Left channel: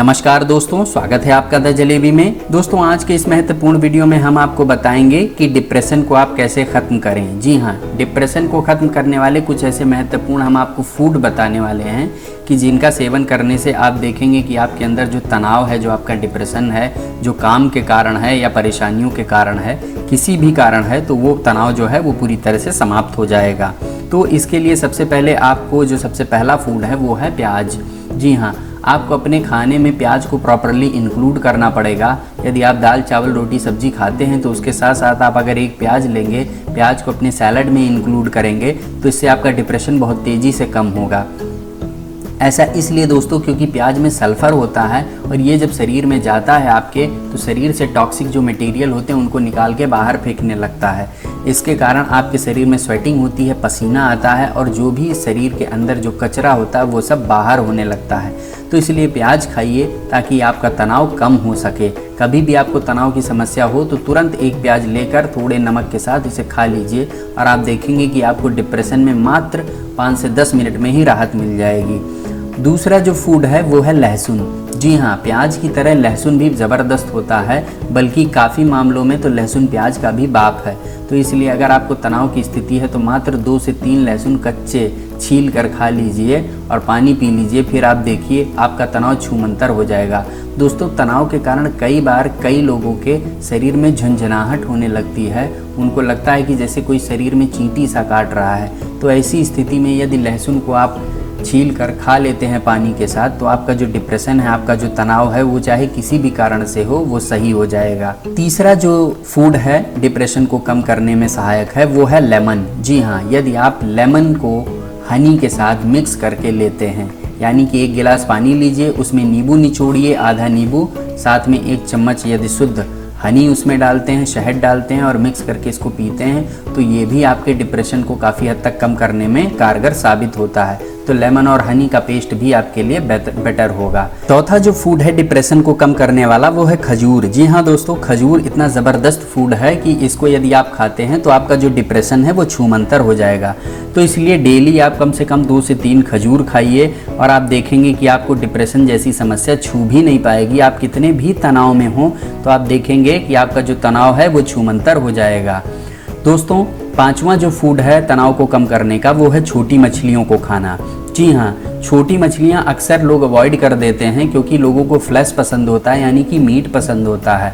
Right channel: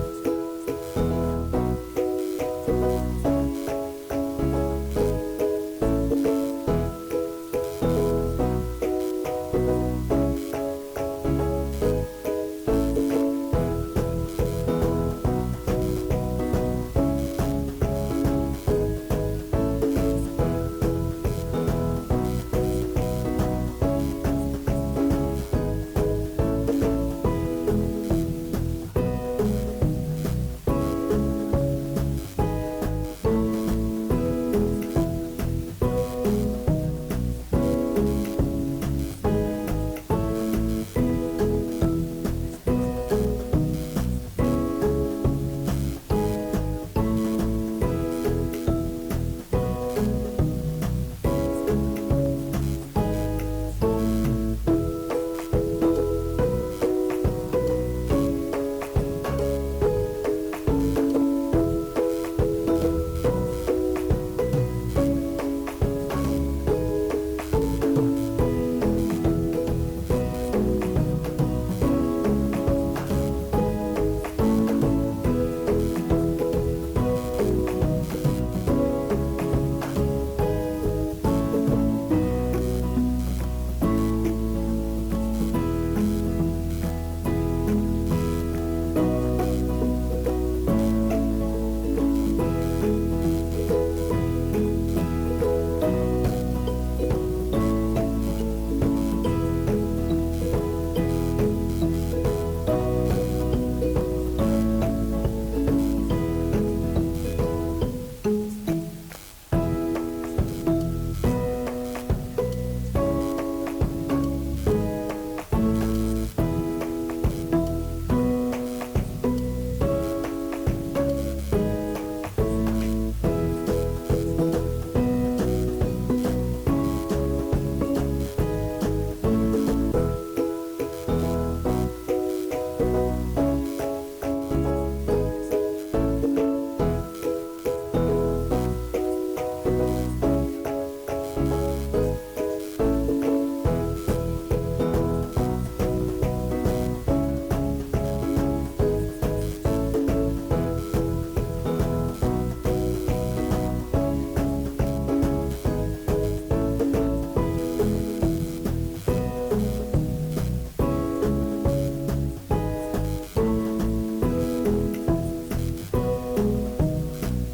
नमस्कार दोस्तों, स्वागत है आपका द जलेबी में। दोस्तों, आज के इस महत्वपूर्ण वीडियो में हम आपको बताएंगे कि डिप्रेशन को आप कैसे ख़त्म करें। जी हाँ, डिप्रेशन को ख़त्म करने वाले कुछ ऐसे महत्वपूर्ण हम आपको फूड बताने वाले हैं कि जिनका सेवन करने से आप देखेंगे कि आपके अंदर जो तनाव है, जो आपका डिप्रेशन है, जो काम के कारण है या परेशानियों के कारण है, किसी भी कारण है, तो वो तनाव जो है वो पूरी तरह से समाप्त हो जाएगा। तो इसके लिए सबसे पहले आपको जो सबसे पहला फूड है वो है प्याज। जी हाँ, आपको अपने खाने में प्याज को प्रॉपरली इंक्लूड करना पड़ेगा। यदि आप दाल चावल रोटी सब्जी खाते हैं तो उसके साथ साथ आप अगर एक प्याज लेंगे, प्याज को अपने सैलड में इंक्लूड करेंगे तो इससे आपका डिप्रेशन बहुत तेज़ी से कम होगा। ऐसा इसलिए दोस्तों क्योंकि प्याज में सल्फ़र होता है और ये जब शरीर में जाता है आपके, तो शरीर से टॉक्सिक जो मटेरियल होते हैं उनको निकाल के बाहर फेंकने लगता है। इसके कारण आपके शरीर में स्वेटिंग होती है, पसीना आता है और जो भी शरीर के अंदर जो कचरा होता है वो सब बाहर होने लगता है। तो इसलिए प्याज खाइए ताकि आपका तनाव कम हो सके। कभी भी आपको तनाव की समस्या हो तो तुरंत एक प्याज लेकर थोड़े नमक के साथ इसे खा लीजिए और आप देखेंगे कि आपको डिप्रेशन में मात्र 5 से 10 मिनट में ही राहत मिल जाएगी। दूसरा जो फूड है वो है लहसुन। जी हाँ, प्याज की तरह लहसुन भी ज़बरदस्त होता है, बल्कि काफ़ी मामलों में तो लहसुन प्याज का भी बाप है। तो इसलिए अगर आपको तनाव की स्थिति है तो मात्र 2 से 3 लहसुन कच्चे छील कर खा लीजिए और पानी पी लीजिए, फिर आप देखिए आपका तनाव छूमंतर हो जाएगा। दोस्तों, तनाव के कारण कई बार कई लोगों के शरीर में झंझनाहट होने लगती है, उनको लगता है कि जैसे कोई शरीर में चींटी सा काट रहा है। तो ऐसी स्थिति में यदि लहसुन को आप छील कर खा लेते हैं पानी के साथ तो आपका जो डिप्रेशन है, आपका जो तनाव है, वो चाहे किसी भी कारण से हो वो सही हो जाएगा। तीसरा जो फूड है डिप्रेशन को कम करने में सहायक है वो है लेमन। जी हाँ, यदि आप लेमन को हनी के साथ मिक्स करके लेते हैं, यानी कि 1 गिलास पानी लीजिए, उसमें नींबू निचोड़िए, आधा नींबू, साथ में 1 चम्मच यदि शुद्ध हनी उसमें डालते हैं, शहद डालते हैं और मिक्स करके इसको पीते हैं, तो ये भी आपके डिप्रेशन को काफ़ी हद तक कम करने में कारगर साबित होता है। तो लेमन और हनी का पेस्ट भी आपके लिए बेटर होगा। चौथा जो फूड है डिप्रेशन को कम करने वाला वो है खजूर। जी हाँ दोस्तों, खजूर इतना ज़बरदस्त फूड है कि इसको यदि आप खाते हैं तो आपका जो डिप्रेशन है वो छूमंतर हो जाएगा। तो इसलिए डेली आप कम से कम 2 से 3 खजूर खाइए और आप देखेंगे कि आपको डिप्रेशन जैसी समस्या छू भी नहीं पाएगी। आप कितने भी तनाव में हो तो आप देखेंगे कि आपका जो तनाव है वो छूमंतर हो जाएगा। दोस्तों, 5वां जो फूड है तनाव को कम करने का वो है छोटी मछलियों को खाना। जी हाँ, छोटी मछलियाँ अक्सर लोग अवॉइड कर देते हैं क्योंकि लोगों को फ्लैश पसंद होता है, यानी कि मीट पसंद होता है।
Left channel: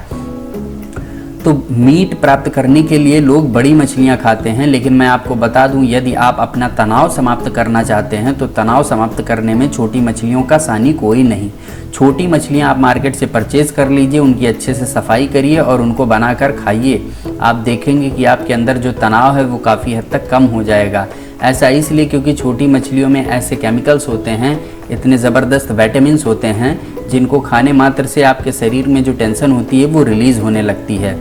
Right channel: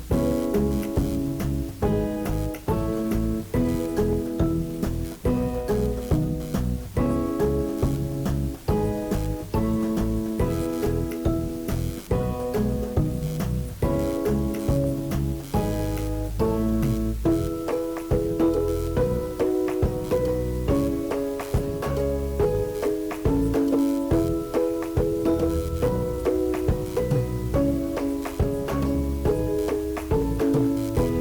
तो मीट प्राप्त करने के लिए लोग बड़ी मछलियाँ खाते हैं, लेकिन मैं आपको बता दूं, यदि आप अपना तनाव समाप्त करना चाहते हैं तो तनाव समाप्त करने में छोटी मछलियों का सानी कोई नहीं। छोटी मछलियाँ आप मार्केट से परचेज़ कर लीजिए, उनकी अच्छे से सफाई करिए और उनको बनाकर खाइए। आप देखेंगे कि आपके अंदर जो तनाव है वो काफ़ी हद तक कम हो जाएगा। ऐसा इसलिए क्योंकि छोटी मछलियों में ऐसे केमिकल्स होते हैं, इतने ज़बरदस्त विटामिन्स होते हैं, जिनको खाने मात्र से आपके शरीर में जो टेंशन होती है वो रिलीज़ होने लगती है।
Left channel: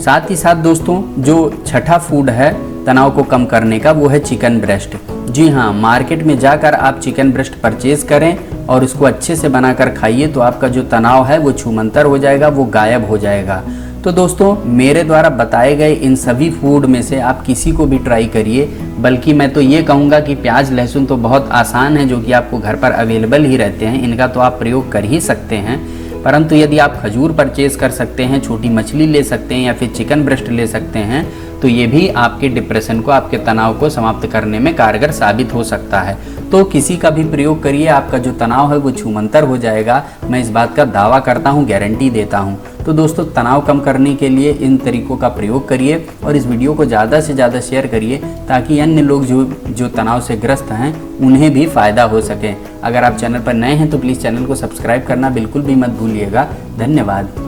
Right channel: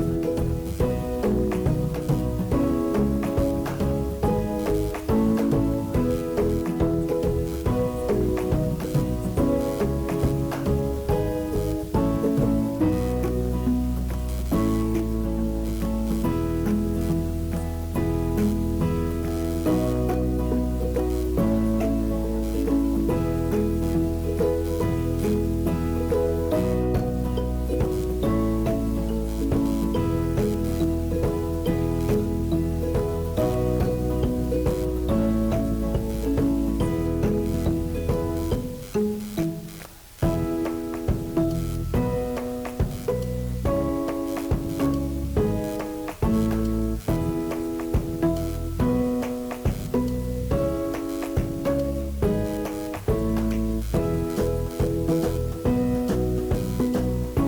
साथ ही साथ दोस्तों, जो छठा फूड है तनाव को कम करने का वो है चिकन ब्रेस्ट। जी हाँ, मार्केट में जाकर आप चिकन ब्रेस्ट परचेज़ करें और उसको अच्छे से बनाकर खाइए तो आपका जो तनाव है वो छूमंतर हो जाएगा, वो गायब हो जाएगा। तो दोस्तों, मेरे द्वारा बताए गए इन सभी फूड में से आप किसी को भी ट्राई करिए, बल्कि मैं तो ये कहूँगा कि प्याज लहसुन तो बहुत आसान है, जो कि आपको घर पर अवेलेबल ही रहते हैं, इनका तो आप प्रयोग कर ही सकते हैं। परंतु यदि आप खजूर परचेज कर सकते हैं, छोटी मछली ले सकते हैं या फिर चिकन ब्रेस्ट ले सकते हैं, तो ये भी आपके डिप्रेशन को, आपके तनाव को समाप्त करने में कारगर साबित हो सकता है। तो किसी का भी प्रयोग करिए, आपका जो तनाव है वो छूमंतर हो जाएगा। मैं इस बात का दावा करता हूँ, गारंटी देता हूँ। तो दोस्तों, तनाव कम करने के लिए इन तरीकों का प्रयोग करिए और इस वीडियो को ज़्यादा से ज़्यादा शेयर करिए ताकि अन्य लोग जो तनाव से ग्रस्त हैं उन्हें भी फ़ायदा हो सके। अगर आप चैनल पर नए हैं तो प्लीज़ चैनल को सब्सक्राइब करना बिल्कुल भी मत भूलिएगा। धन्यवाद।